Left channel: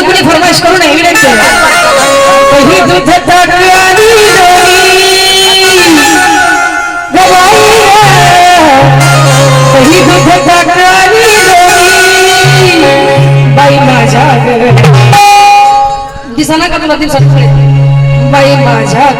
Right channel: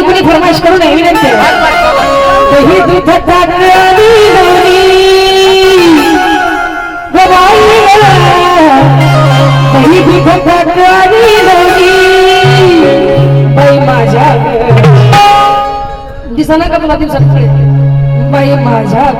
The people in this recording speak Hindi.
कोणी फरमाईश करू नये विनंती कही दूध कही दूध बाई माझ्या दिसना का तुला तीन बाई माझ्या